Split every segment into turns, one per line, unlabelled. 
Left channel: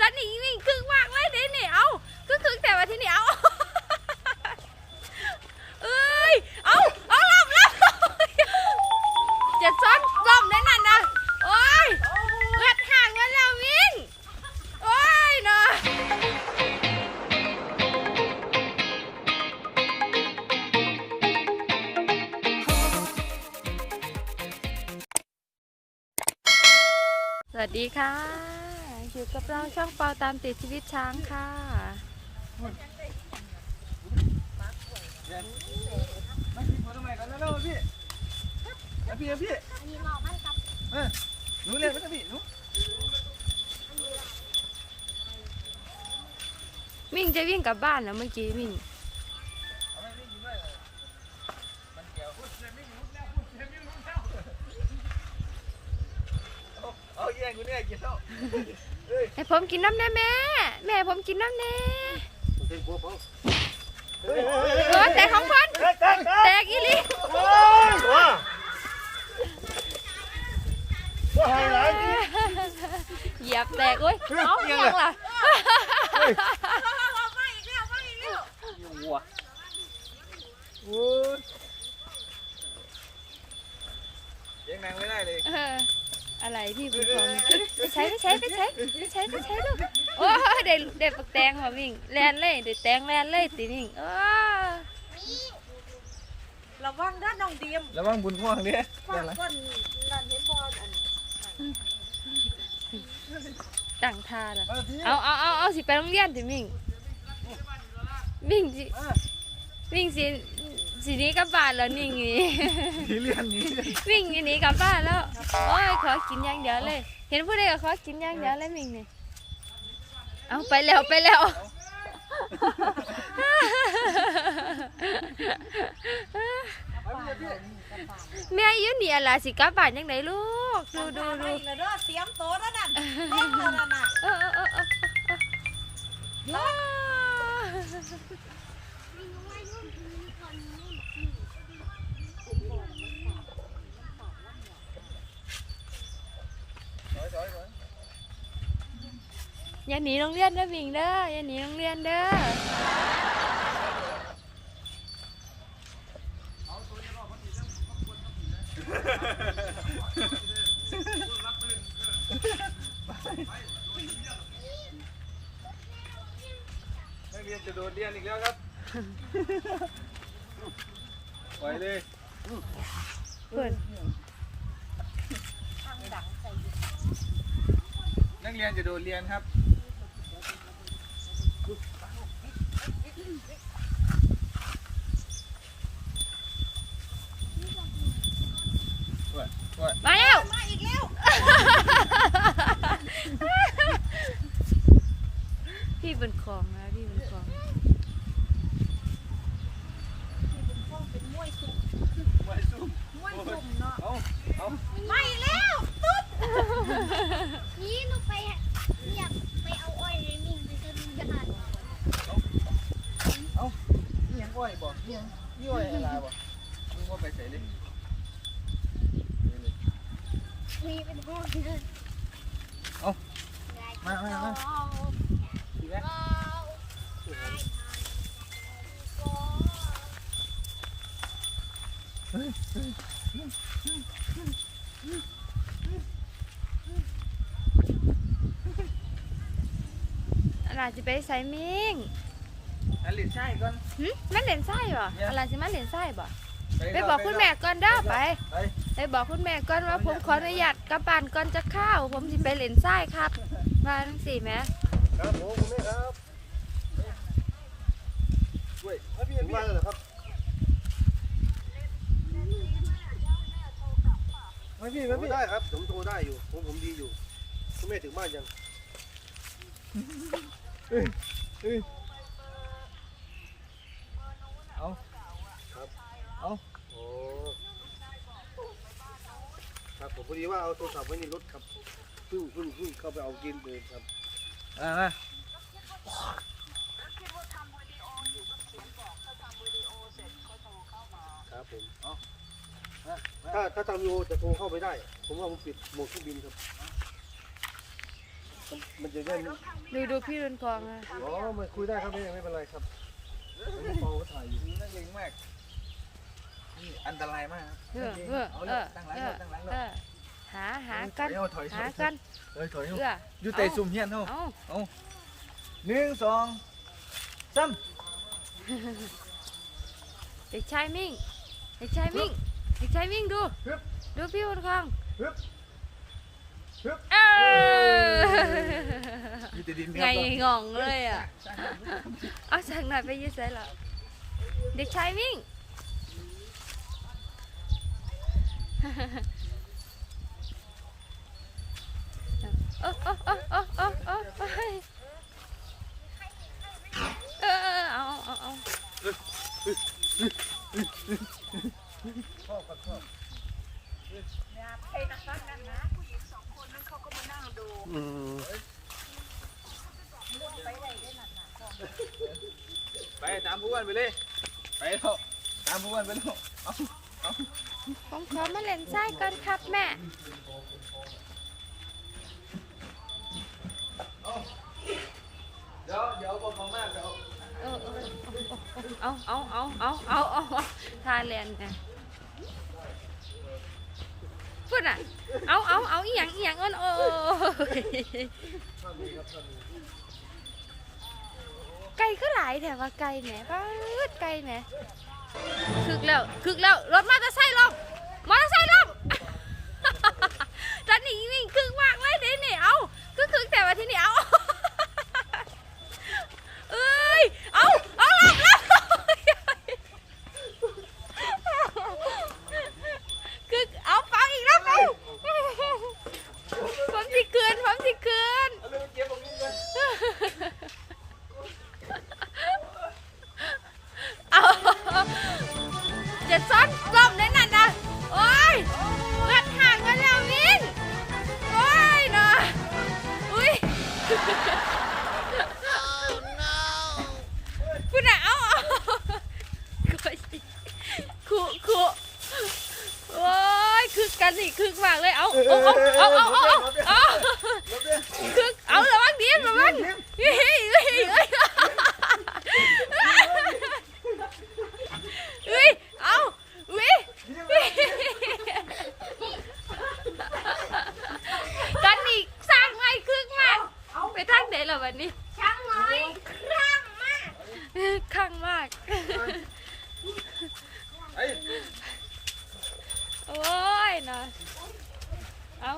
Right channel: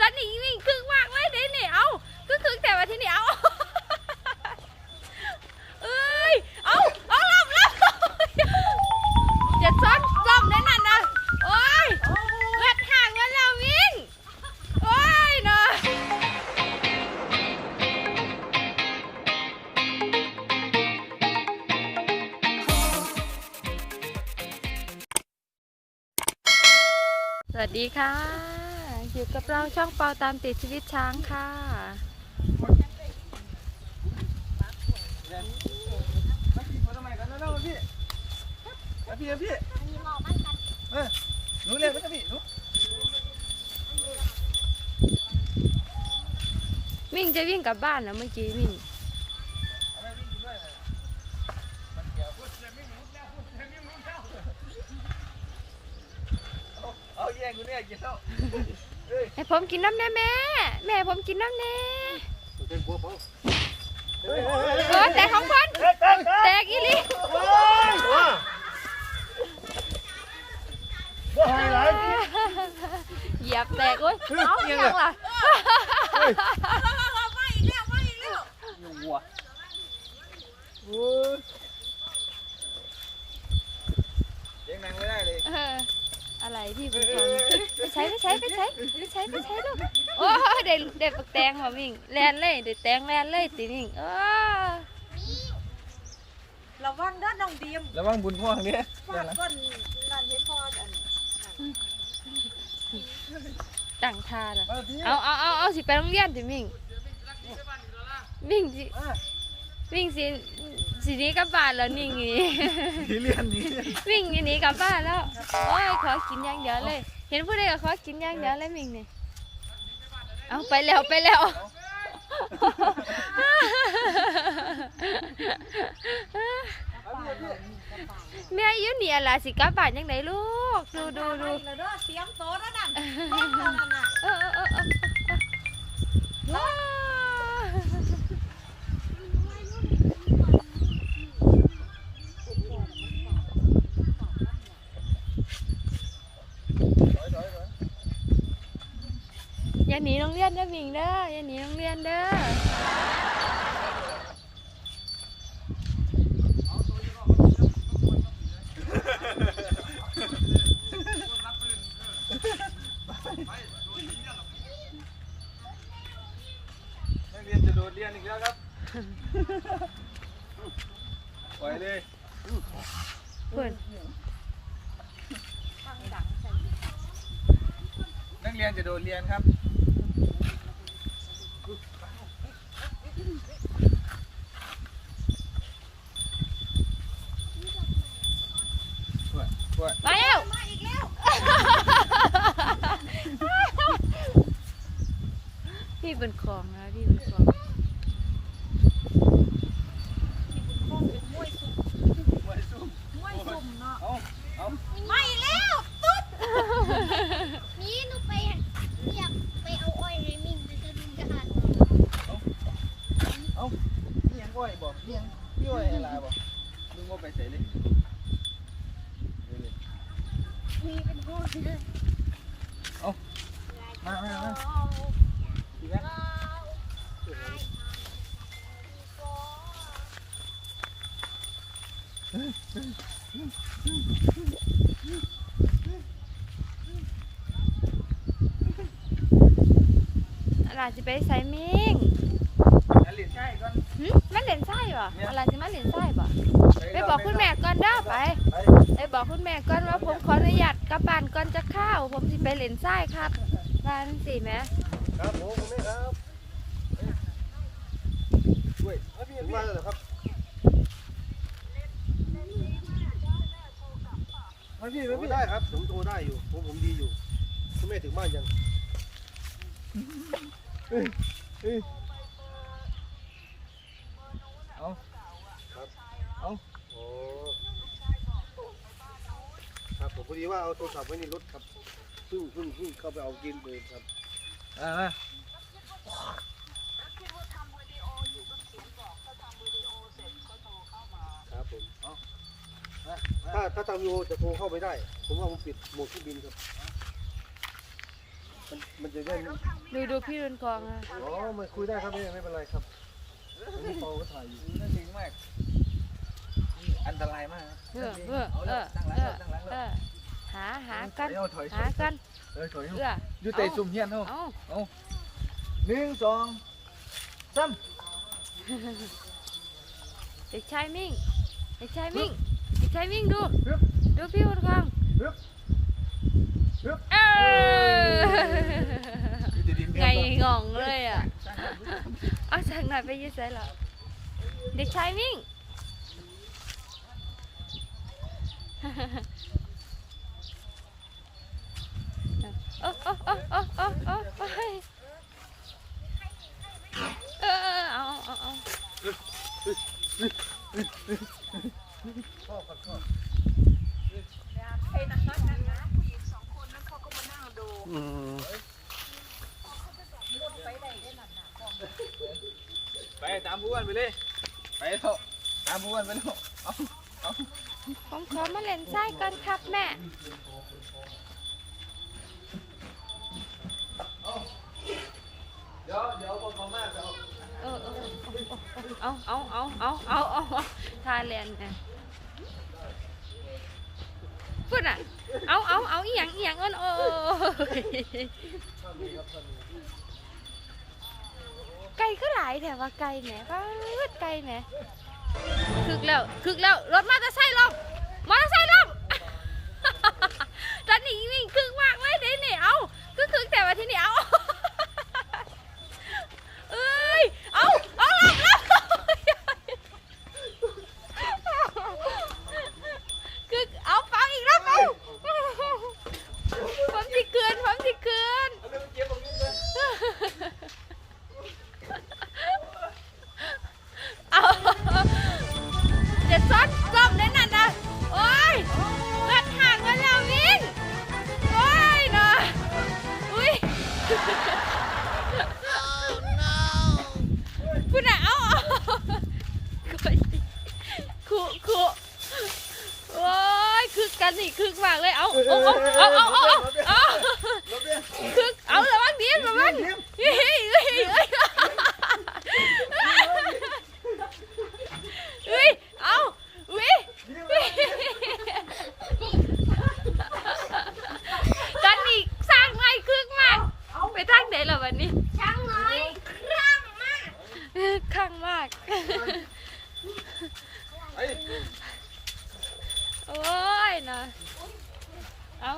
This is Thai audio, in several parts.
ตอนนี้วิ่งคึกมากเลยเด้นี่เอาคึกคึกแต่ว่าที่นี่เอาเอ้ยเอาเอาลำลำจะซ้อนลำได้นั่นนะโอ้ยเวดห่างกันแล้ววิ่งโอ้ยเนาะสวัสดีค่ะ อยู่กับเราช่องเปาตามติดชีวิตช้างค่ะ
มากินผลไม้กันแล้วๆพี่มาพี่พี่เออหนูเรียนไหมพี่หนู
มิ่งจะวิ่งกลับบ้านแล้วเมื่อกี้มิ่ง
เอาไปพี่กินด้วยมันเกี่ยวเอาเอาแย่งกูเนี่ยกินแล้วเฮ้ย
ให้ ผมกินน้ำแน่แม่ แม่ให้ผมกินน้ำแน่
เต้นบัวเปล่า
เออแต่ของคนแตกอีหลี
ว้าว่าไฮไลท์
เหยียบแตกเว้ยเอ้ายังล่ะ
วัวโอ้ยเลี้ยังแมงไม่ได้เลย
เอออะไรที่บุญของไป ใช้ไปใช้ไปใช้ไปใช้ไปใช้ลูกโอ้ยเด็ดเด็ดปักแตงมาวิ่งแลนเลยเด็ดแตงแลนเลยติวิ่งเออ
ระวังด้านน้องเดียม
ระวังบุญพ่วงเนี่ย
ฝากก้นนั่นเห็นบอลอัน
ตั้งท่าละเอาเอาเอาเอาสิไปโรงเรียนติวิ่งวิ่งสิวิ่งสิ สิหนี้กลับบ้านแล้วนิ่งอย่างนี้
ที่เรียนนี้
วิ่งอย่างนี้กลับบ้านแล้วโอ้ยขอกินอย่างเดียวเลย เห็นผู้ใดก็ขอกินอย่างเดียวเลยมิ่งนี่เอาไปแล้วไปแล้ว แม่อยุ่นี่อะไรสิกลับบ้านยังไงลูก ดูดูดู
ไปเลยเด้อเสียงโตแล้วนั่นเฮ้ยนั่นน่ะ
เออเออเออเออเอออย่าหนีโร งเรียนเด้อมิงเด้ออย่าหนีโรงเรียนเด้อ
นักเรียนจะโดดเรียนอีกแล้วครับปล่อยเลย
เปิด
นักเรียนจะโดดเรียนครับ ปวดปวด
มาแล้ว
มาอีกแล้ว
พี่ เป็นของนะพี่เป็นของ
เอาเอา
ไม่แล้ว
นี่หนูไปเรียกไปเอาอ้อยให้มิ่งไปจะดูยาน
เอานี่ยังอ้อยบ่นี่ยังนี่อ้อยอะไรบ่มึงว่าไปใส่เลยนี่เป็
นห้องเลย
มามามาดี ไหม
อะไรจะไปใส่มิง
อันลิ้นใช่ก่อน
หึมันเหรียญไส้ป่ะอะไรจะมาเหรียญไส้ป่ไปบอกคุณแม่ก่อนเด้อไป
ไป
ไปบอกคุณแม่ก่อนว่าผมขออนุญาตกลับบ้านก่อนจะเข้าวผมสิไปเหรียญไส้ครับมาสี่แม่
ครับผมคุณแม่ครับช่วยถึงบ้านแล้วเหรอครับมาพี่มาพี่
ได้ครับผมโทรได้อยู่ผมผมดีอยู่คุณแม่ถึงบ้านยัง
เอา
อ๋อครับผมพอดีว่าเอาโทรศัพท์ไว้ในรถครับเพิ่งเพิ่งเพิ่งเข้าไปเอากินเลยครับ
อ่ามา
ครับผมถ้าถ้าทำวิดีโอจะโทรเข้าไปได้ ผมว่าผมปิดโหมดเครื่องบินครับมันจะได้
ดูดูพี่รุนกองอะ
อ๋อมันคุยได้ครับนี่ไม่เป็นไรครับผมมองก็ถ่ายอยู่
น่าเก่งมากนี่อันตรายมากครับ
เออเออ
เอา
เอ
ละ
อ
ตั้งหลัง
เอ
แล้
อ
วตั้งหลัง
เอ
แล้ว
อหาหากัน
เอาถอย
หากัน
เอ้ยถอย
เออ
อยู่เตะซุ่มเฮียนเนาะ
เอา
หนึ่งสองสาม
เด็กชายมิ่งเด็กชายมิ่งเด็กชายมิ่งดูดูพี่รุนกอง
ฮึบฮึบ
เออ
อยู่แต่ดิน
ไงงองเลยอะเอาสั่งหน่อยไปยืดใส่ละเด็กชายมิ่ง โอ้โอ้โอ้โอ้โอ้โอ้ไปเออเอาเอาเอา
อืม
ไปตามผู้อ้วนไปเลย ไปเถอะตามผู้อ้วนไปเถอะ
ผมขอมาเล่นไส้ก่อนครับแม่
เดี๋ยวเดี๋ยวบอกมากเดี๋ยว
เออเออ เอาเอาเอาเอาเอาเอาเอาทาเลนไงพูดอะ เอาเอาเอาอีหยังอีหยังอ้นโอ้ไก่ก็หลายแต่ว่าไก่แหมป้าไก่แหมคึกแล้วคึกแล้วรถมอเตอร์ไซค์ลง นนี่คึกมากเลย เอาเอาเอาเอาเอาเอา
เอา
คึก เอาระวังดีระวังเฮ้ยเฮ้ยเฮ้ยเฮ้ยเอาวิกันนี่สร้างไม่คึกมากเอาไปทางไหนล่ะวันนี้
ช่างน้อยครั่งมาก
ข้างมาก โอ้ยนะเอา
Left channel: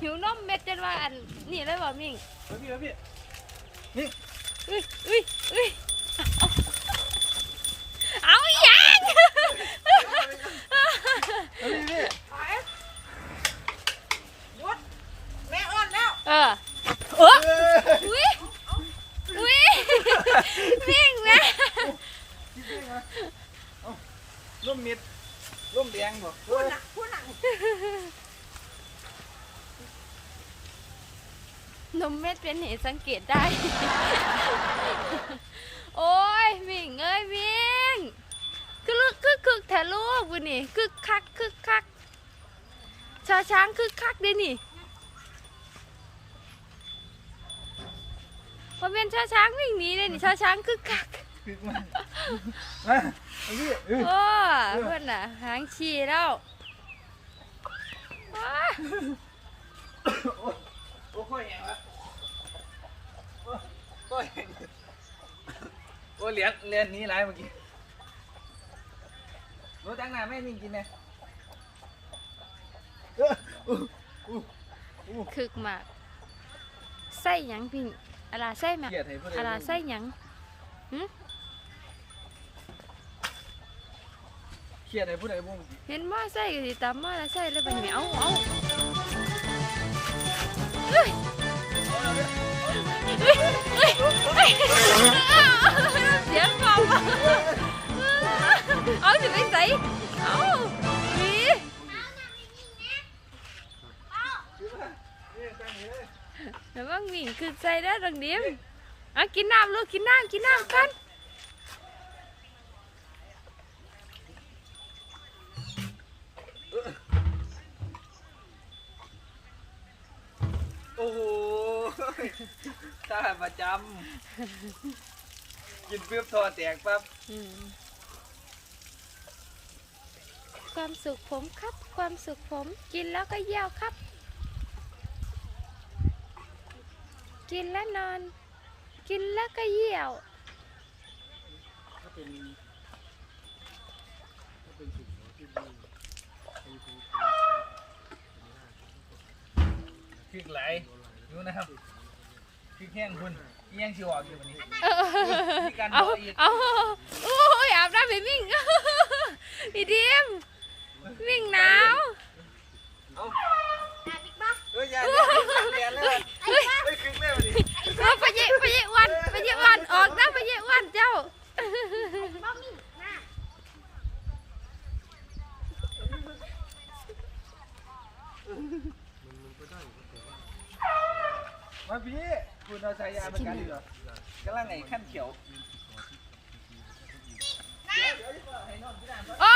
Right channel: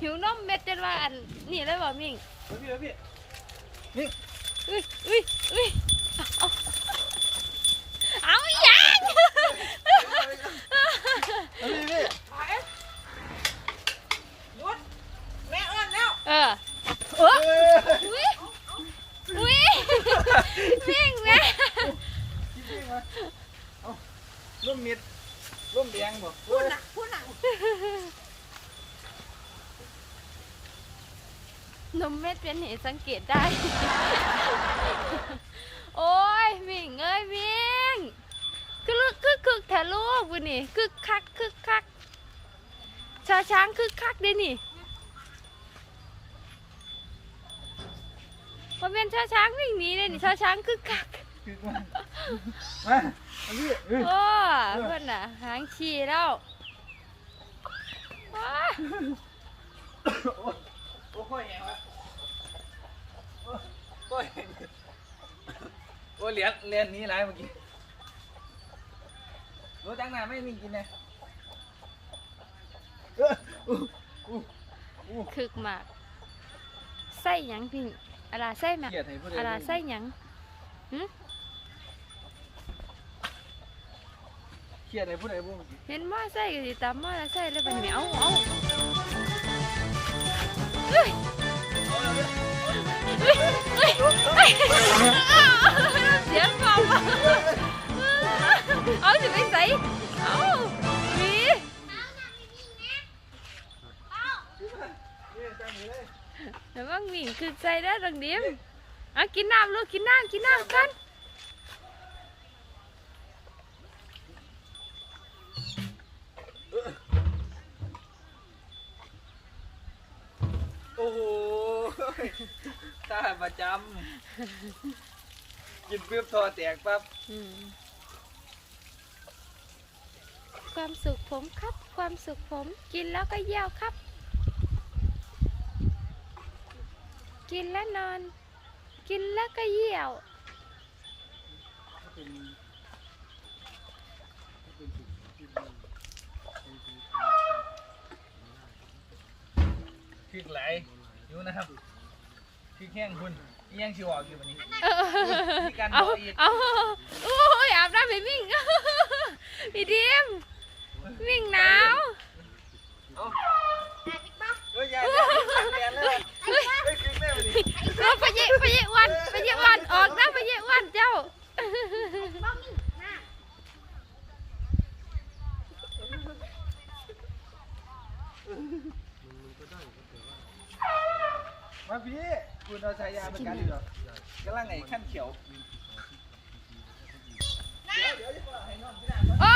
หิวนมเม็ดจนว่าอันนี่เลยบ่มิง
มาพี่มาพี่
อุ้ยอุ้ยอุ้ยเอาเอาอีหยัง
มาพี่พี่
แม่อ้อนแล้ว
เออเอออุ้ยอุ้ยมิงนะ
คิดดิมาเอา ร่มเม็ดร่มแดงบ่เฮ้ย
นมเม็ดเป็นเหตุสังเกตได้ โอ้ยมิงเอ้ยมิงคือลึกคึกคึกแถลูกบุนี่คึกคักคึกคักชาช้างคึกคักเด้นี่พอเป็นชาช้างวิ่งหนีเลยนี่ชาช้างคึกคัก
คือ มามาพี่เออ
โอ้เพื่อนน่ะ หางฉี่แล้วว้า
โอ้โอ้ค่อยแหงละโอ้ค่อยแหงโอ้เหรียญเหรียญนี้ไรเมื่อกี้รู้จังหน้าไม่มีกินนะเอออู้อู้
คึกมากไส้หยังพิงอะไรไส้แม่
เกลียดให้ผู้ใด
อะไรไส้หยัง
เครียดให้ผู้ใดบ่เมื่อกี้
เห็นม้อไส้ก็สิตามม้อละไส้เลยบัดนี้เอาเอาเอ้ยเอ้ยเอ้ยเอ้ยเสียงเบาเอาสิไปใส่เอาหนี
นี่ตั้งอยู่เลย
แต่ว่าวิ่งคือใจได้ดังเดียวเอากินน้ำลูกกินน้ำกินน้ำกัน
ท่าประจำกินเพื่อทอแตกปั๊บ
อืมความสุขผมครับ ความสุขผมกินแล้วก็เยี่ยวครับ กินแล้วนอน กินแล้วก็เยี่ยว
พริกไหลอยู่นะครับ พริกแห้งคุณอีหยังชิวออกอยู่วันนี้มีการ
เอา
บอกอีก
เอาโอ้ยอาบน้ำให้มิ่งพี่ดิมมิ่งหนาว
เฮ้ยยายเรียนเลยเฮ้ยคลิกแม่มาดิ
เออไปเยะไปเยะวันไปเยะวันออกนะไปเยะวันเจ้า
มาพี่คุณเอาฉายาประกันอยู่เหรอกำลังไงขั้นเขียว
โอ้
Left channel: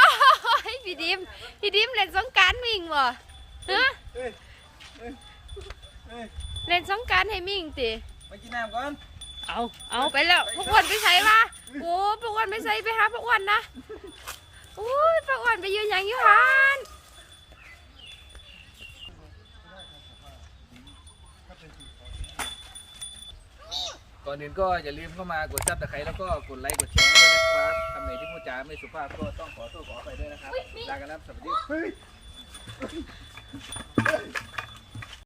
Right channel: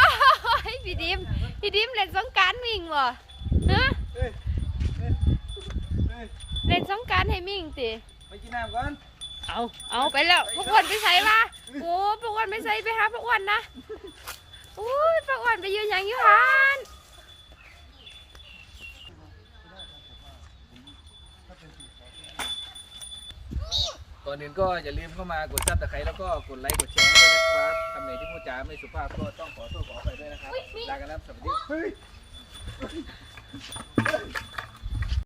ยพี่ดิมพี่ดิมเล่นสงกรารมิ่งบ่ฮะ
เฮ้ยเฮ้ยเฮ้ย
เล่นสงกรารให้มิ่งติ
ไปกินน้ำก่อน
เอาเอาไปแล้วพวกอ้วนไปใส่มาโอ้พวกอ้วนไปใส่ไปหาพวกอ้วนนะโอ้ยพวกอ้วนไปยืนอย่างอยูหัน
ก่อนอื่นก็อย่าลืมเข้ามากดซับตะไคร้แล้วก็กดไลค์กดแชร์ด้วยนะครับคำไหนที่พูดจาไม่สุภาพก็ต้องขอโทษขออภัยด้วยนะครับลากันแล้วสวัสดี